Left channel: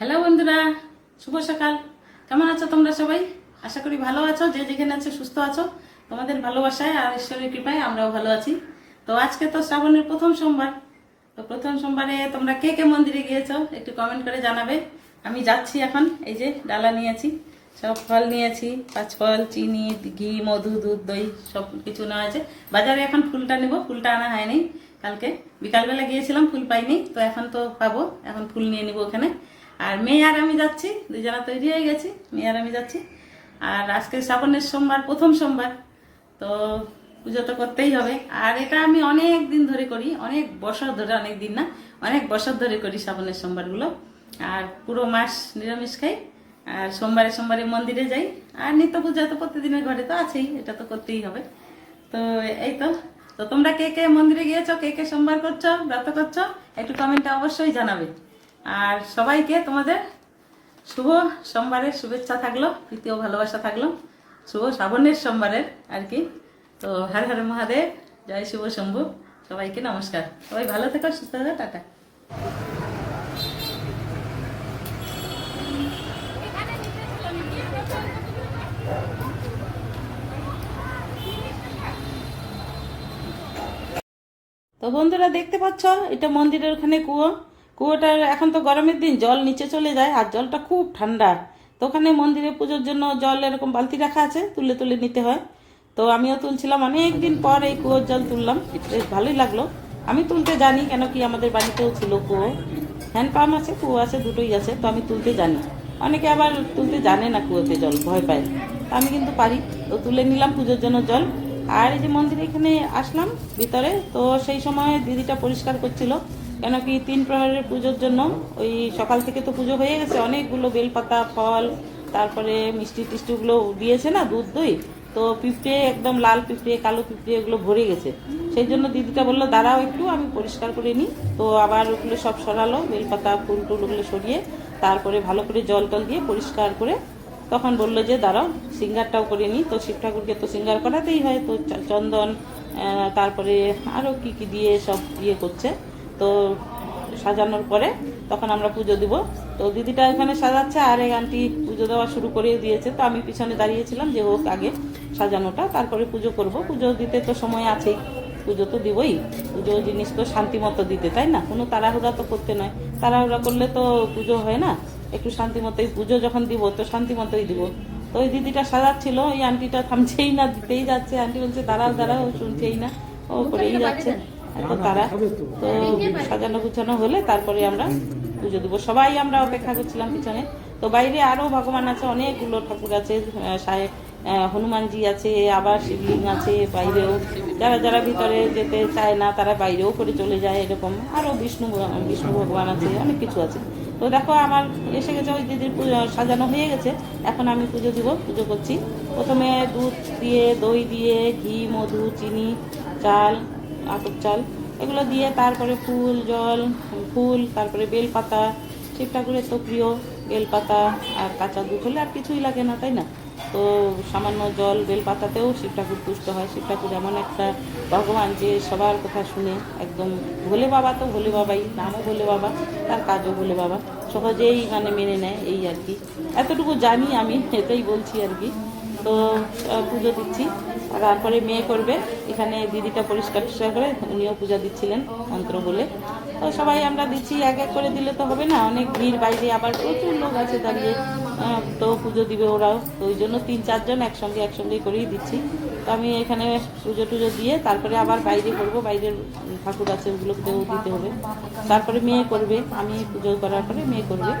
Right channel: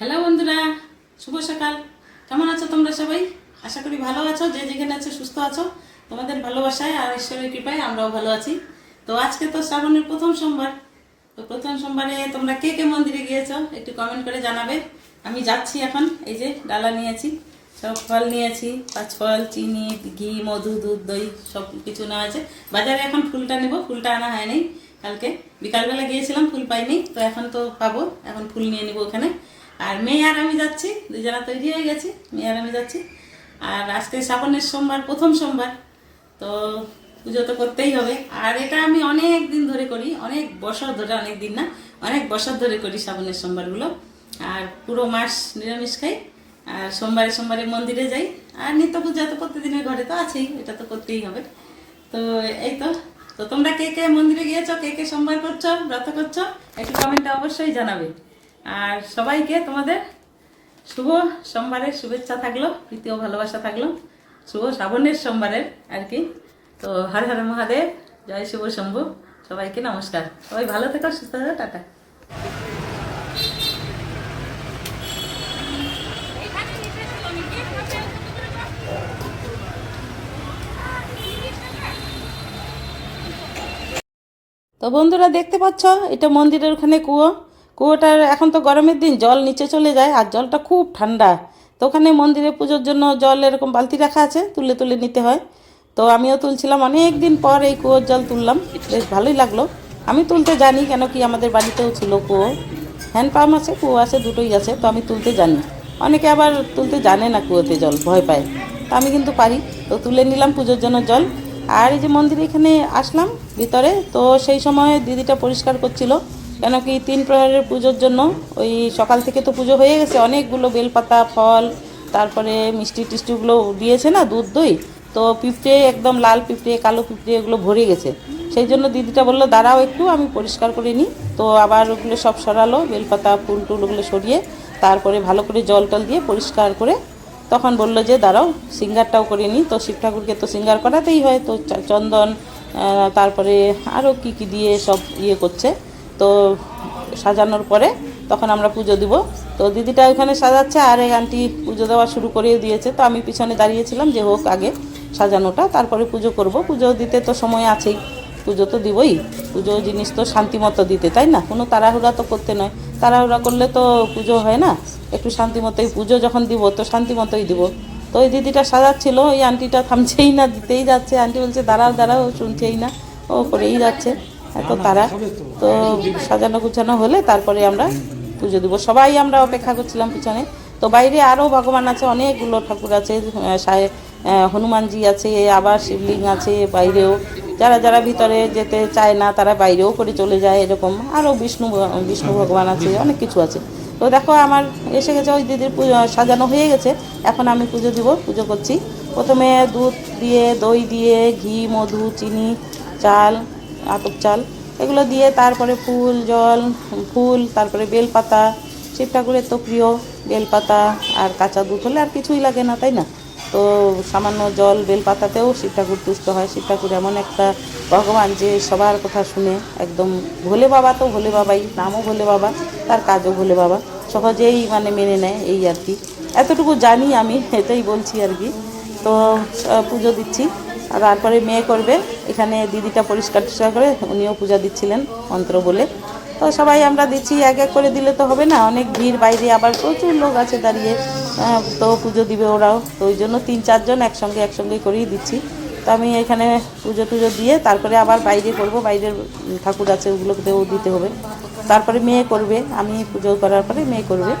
Hello বন্ধুরা, শুভ সকাল। কেমন আছো তোমরা সবাই? আশা করি ভালো আছো, যে যেখানে আছো সুস্থ আছো। তোমাদের ভালোবাসায় আর ঈশ্বরের কৃপায় আমরাও ভালো আছি। তো আজকে তো শ্রাবণের প্রথম সোমবার। তো প্রথম সোমবারে তোমরা কে কে মন্দিরে গিয়েছো একটু কমেন্ট করে জানাবে। আমি যাচ্ছি এখন, এই যে ডালা নিয়েছি, সব ফল নিয়েছি পাঁচ ফল চিনি, ঘি, মধু, দুধ, দই, সব কিছু নেওয়া আছে। বাজারে এখন ফুলটা নেব, ফুলটা আনা হয়নি কালকে। বিকালবেলা গিয়েছিলাম, ফুল পাইনি, তো এখন তো পাবো, এখন ফুল নিয়ে নিব ওখানে। আর মেয়ে আর আমি যাচ্ছি দুজনা তৈরি হয়ে গেছি, মেয়ে আর আমি যাচ্ছি। আর আজকে শ্রাবণের সোমবার, প্রথম সোমবার, তো পুজো তো করতেই হবে। আর এটা আমি অনেক দিন ধরে করি, অনেক বছর ধরে, অনেক দিন না, অনেক বছর ধরে করি শ্রাবণের সোমবারগুলো। আর পুরো মাস নিরামিষ খাই, আর সোমবারে সোমবারে মন্দিরে যাই। আর নিত্য পূজা তো প্রতিদিনের ঘরে তো আছেই, এটা তো করতেই হবে। তো এই তো তো তোমরা কে কে মন্দিরে গিয়েছো, কে কে সোমবার করছ, ব্রত করছ, একটু কমেন্টটা অবশ্যই জানাবে। আর সবাইকে তোমাদের শুভ সোমবারের শুভেচ্ছা থাকল, প্রীতি ও ভালোবাসা থাকল। শুভ শ্রাবণের সোমবারের আর কি। তো হর হর মহাদেব, জয় শুভ শম্ভু, সবাইকে নমস্কার। সবাই ভালো থেকো, সুস্থ থাকো, টাটা। তো বন্ধুরা দেখতে পাচ্ছ, এটা মন্দিরের ওখানে কুয়ো। কুয়োটার এখন তো গরমের দিন, জল নিচে চলে যায় আর জলটা খুব ঠান্ডা। তো ওখানে মন্দিরে পুজোর জন্য জল এরকম বালতি রাখা আছে, তুলে তুলে নিতে হয়। তো আমিও তুলছিলাম অনেক দিন পর এই কুয়োর জল তুললাম, বেশ ভালোই লাগল। আমি তুলতে জানি কেন কি আমাদের বাড়িতেও ছিল কুয়ো। হ্যান্ড পাম্প আছে, কুয়ো আছে, দুটোই আছে, তো আমি তুলতে জানি। অনেকে আবার তুলতে জানে না কুয়োতে জল, ভয় পায়। তো আমি কিন্তু পারি। তো তুলে নিলাম পুজোর জন্য জল। আর এই যে মন্দিরে এখানে আসলাম ভিতরে, তো সেই সময় দিদিটা পরিষ্কার করছিল। কেন কি তিন প্রহরের পুজোর জন্য ওই সকাল থেকে তো পুজো হয়ে গেছে, অনেকগুলো বেলপাতা, ফল, তারপরে মিষ্টি টিষ্টিগুলো দিয়েছে না, দুধ দই, তো পিঁপড়ে একদম লাল পিঁপড়ে, কালো পিঁপড়ে এগুলো ভরে গেছে। সেই জন্য দিদিটা বলল, দাঁড়াও একটু, আমি পরিষ্কার করে নিই। তো আবার ওগুলো সব সরালো, বেলপাতা, ফুল টুল ওগুলো সরিয়ে, তারপরে ভালো করে জল টল দিয়ে পরিষ্কার করে তখন বলল যে, দাঁড়াও, সিঙ্গারটাও করে নিই। তো শিব ঠাকুরকে তো সিঙ্গার করাতেই হয়, তো চন্দন তারপরে আরও কি কি দিয়ে সব ইয়ে করছে। তো সাজানোর পরে তখন আমরা পুজো দিব। তো দিদিটা ওখানে সাজাচ্ছে আর এই আন্টি পুজো দেওয়া শুরু করে দিয়েছে। তো আমি পিছনে দাঁড়িয়েছিলাম যে হোক আগে সাজানোটা, তারপরে পুজো করব। পুজো দিতে তো সময় আছেই। পুজো তো দিবই। পুজো জিনিস তো শান্তি মতো দিতে, তাই না? কোনো তাড়াহুড়া তো করতে নয়। তাড়াহুড়া করলে তো পুজো হয় না। একটু শান্তি মতোই পুজো যখন দিব তো শান্তি মতোই দিব। তো ওই দিদিটা সাজাচ্ছিল, ওই আন্টিটা থামছেই না, দিতেই যাচ্ছে। আন্টি বলছে, দাঁড়াও দাঁড়াও, শুনছেই না। ও করেই যাচ্ছে। এত তারা, তো সাজানো গুছানো হলে তারপরে আমরা পুজো দিব। সবাই আমরা অপেক্ষা করছিলাম পিছনে। তো বাইরে আরও ভগবান আছে, অনেকগুলো ঠাকুর আছে হনুমানজি আছে, আবার শিবলিঙ্গ আছে বাইরেও। যারা যারা ভিতরে যেতে চায় না, তারা বাইরেও করে চলে যায় এরকম। আরও বিষ্ণু বিষ্ণু ভগবান আছে, অনেক কিছু আছে। তো দেখো, আমার এসে গেছে, ওই দিদির পুজো সাজানো হয়ে গেছে। এখন আমি পুজো দিব, পুজো করছি। প্রথমে দুধ দিয়ে, দই দিয়ে, ঘি, মধু, চিনি, চাল আতপ চাল, এগুলো দিয়ে তারপরে ফুল, জল, ফুল, তারপরে বেলপাতা শিব ঠাকুরের তো প্রিয় বেলপাতা আর কাঁচা দুধ হলে আর কিছুই লাগে না, তাই না? তো সামান্য জল, বেলপাতাতেও শিব ঠাকুর তুষ্ট হয়। শিব ঠাকুর এমন একটা ভগবান যে সবার কথা শুনে একদম ভোলে বাবা তো ভোলে বাবাই, নামও ভোলে বাবা, তার কাজও ভোলে বাবা, সহজেই মানে মেনে নেয় এই আর কি। এতটুকু জানি আমি, এটাই বলছি আর কি। তো পুজো দিচ্ছি। আর তারপরে মেয়ে করবে। এখানে দিদিটা পরিষ্কার টরিষ্কার করে উনিও পূজা দিচ্ছিলেন মন্ত্র বলে। তো সবাই আমরা দিচ্ছি, এক এক করে দিলে তো হবে না। অনেক ভিড় বাইরে, আবার প্রচুর লোক আছে দাঁড়িয়ে। তো পুজো দিবে ওরাও। তো ওই জন্য তিন চারজন একসঙ্গে একসঙ্গে করেই দিচ্ছি। তো আমি এখানে পুজো টুজো দিয়ে তারপরে আবার বাইরে করব। বাইরের ঠাকুর আছে, ওগুলোকেও দিতে হবে। তারপরে মেয়ে করবে, আমি পুজো করার পরে মেয়ে করবে।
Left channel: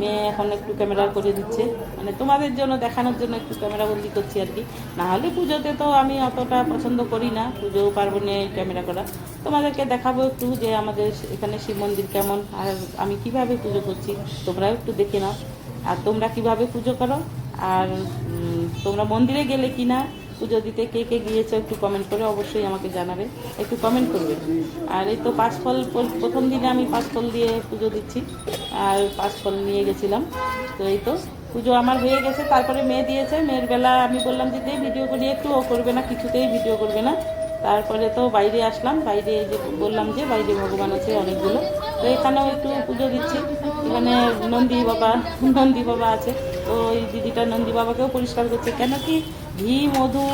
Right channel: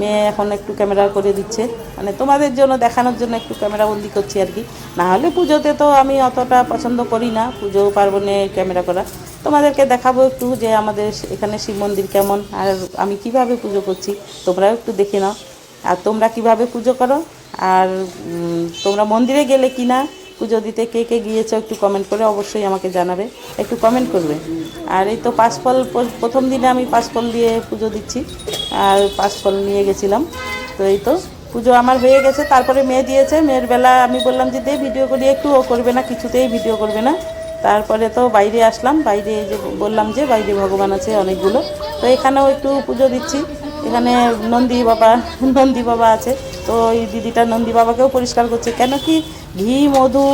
মেয়ে এখন একটু ক্যামেরা করে দিচ্ছে। মানে তোমাদের জন্য, দেখানোর জন্য একটু ক্যামেরা বন্দি করছি আর কি। নাহলে পুজোতে তো আমি অতটা পছন্দ করি না, পুজো, পার্বণে ক্যামেরা করা। তোমাদেরকে দেখাবো একটু যে আমাদের এখানে শিব মন্দির কেমন, আর আমি কীভাবে পুজো করছি, তোমরাও একটু দেখে নাও। আর তোমরা কীভাবে পুজো করো, আর তোমরা মন্দিরে গেলে কি না পুজো দিতে কে কে গিয়েছো একটু কমেন্ট করে অবশ্যই আমাকে জানাবে। একটু কমেন্ট করবে। আর এই তো পাঁচফল, প্রথম দিনে আমি পাঁচফল দিয়ে পুজো দিচ্ছি। আর পাঁচফল নিয়ে গেছিলাম। তো এই তো পুজো আমার হয়ে গেছে। তারপরে মেয়ে দিয়েছে। মেয়ের বেলা আমি বললাম যে দে ভিডিও করি, একটু ও করবে না, কিছুতেই ভিডিও করবে না। তারপরে তো বাইরে আসলাম। বাইরে যে বললাম যে বাইরে ভগবান আছে অনেকগুলো। তো এখানেও একটু পুজো দিচ্ছি। এখানে নন্দী বাবা নন্দী বাবা আছে। তো এই দিদিটা নন্দী বাবাকেও পরিষ্কার করছে। কেন কি ঘি, মধু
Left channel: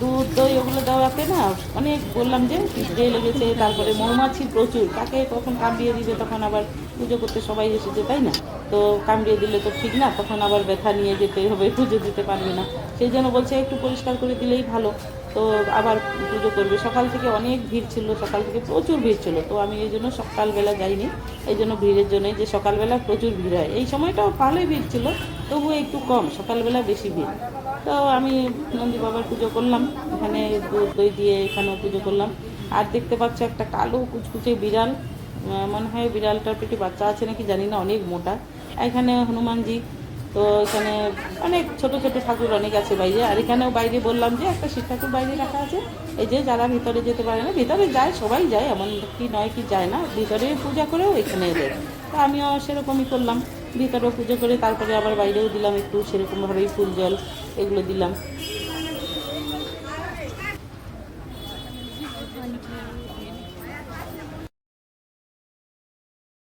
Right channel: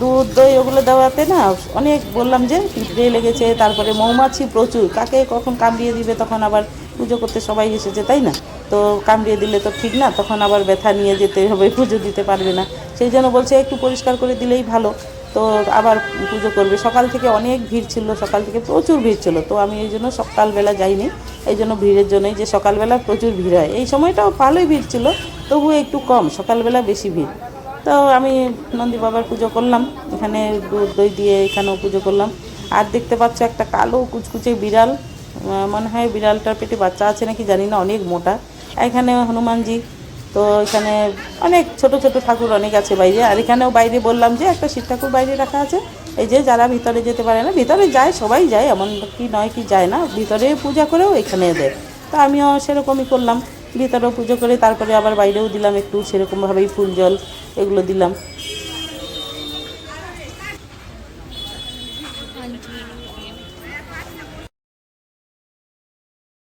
দুধ, দই ওগুলো দেওয়াতে না অনেক বললাম যে পিঁপড়ে লেগেছে, তারপরে মৌমাছি প্রচুর। কাকে কখন কামড়িয়ে দিবে তখন আবার পুজো করতে সবাই এসেছে, তাই না? তো কামড়িয়ে দিলে তো ঠিক না, তখন আবার ব্যথা নিয়ে যেতে হবে, পুজো দিতে পারবে না। সেই জন্য বলছে একটু পরিষ্কার করে দিলেই ভালো। তো আবার পুজো করবে। সকাল থেকে অনেক ভিড় ছিল, সকাল থেকে প্রচুর ভিড় ছিল। তো আমি এই জন্য সকালবেলা যাইনি। এই জন্য ভিড়ের জন্যই যে সকালবেলা প্রচুর ভিড় হয়। এই সময়টাও ভালোই ভিড় ছিল। তবুও একটু কম, সকালবেলা বেশি ভিড়। তো আমি নন্দী বাবার পুজো করলাম, এখানে দুধ, দই দিয়ে এখানেও পুজো করলাম। আর দেখতে পাচ্ছ একটা কালো কুচকুচে বিড়াল মনে হয় বিড়ালটার পেটে বাচ্চা আছে নাকি জানি না, অনেক মোটা। এখানে হনুমানজি, তো এখানে অনেক ছোট ছোট ঠাকুর অনেক আছে বাইরে। আর এখানেও বাইরে বললাম যে একটা শিব ঠাকুর বাইরে রাখা আছে। এই যে যারা ভিতরে যেতে পারে না, ভিতরে যায়, সবাই যায়, এমন কি নয় কি যায় না, ভিতরে পূজা করেও এখানে দেয় তো আমিও সেরকমই করলাম। ভিতরেও পুজো করে তারপরে আবার বাইরেও দিলাম একটু সেরকমভাবেই ফুল জল এগুলো দিলাম।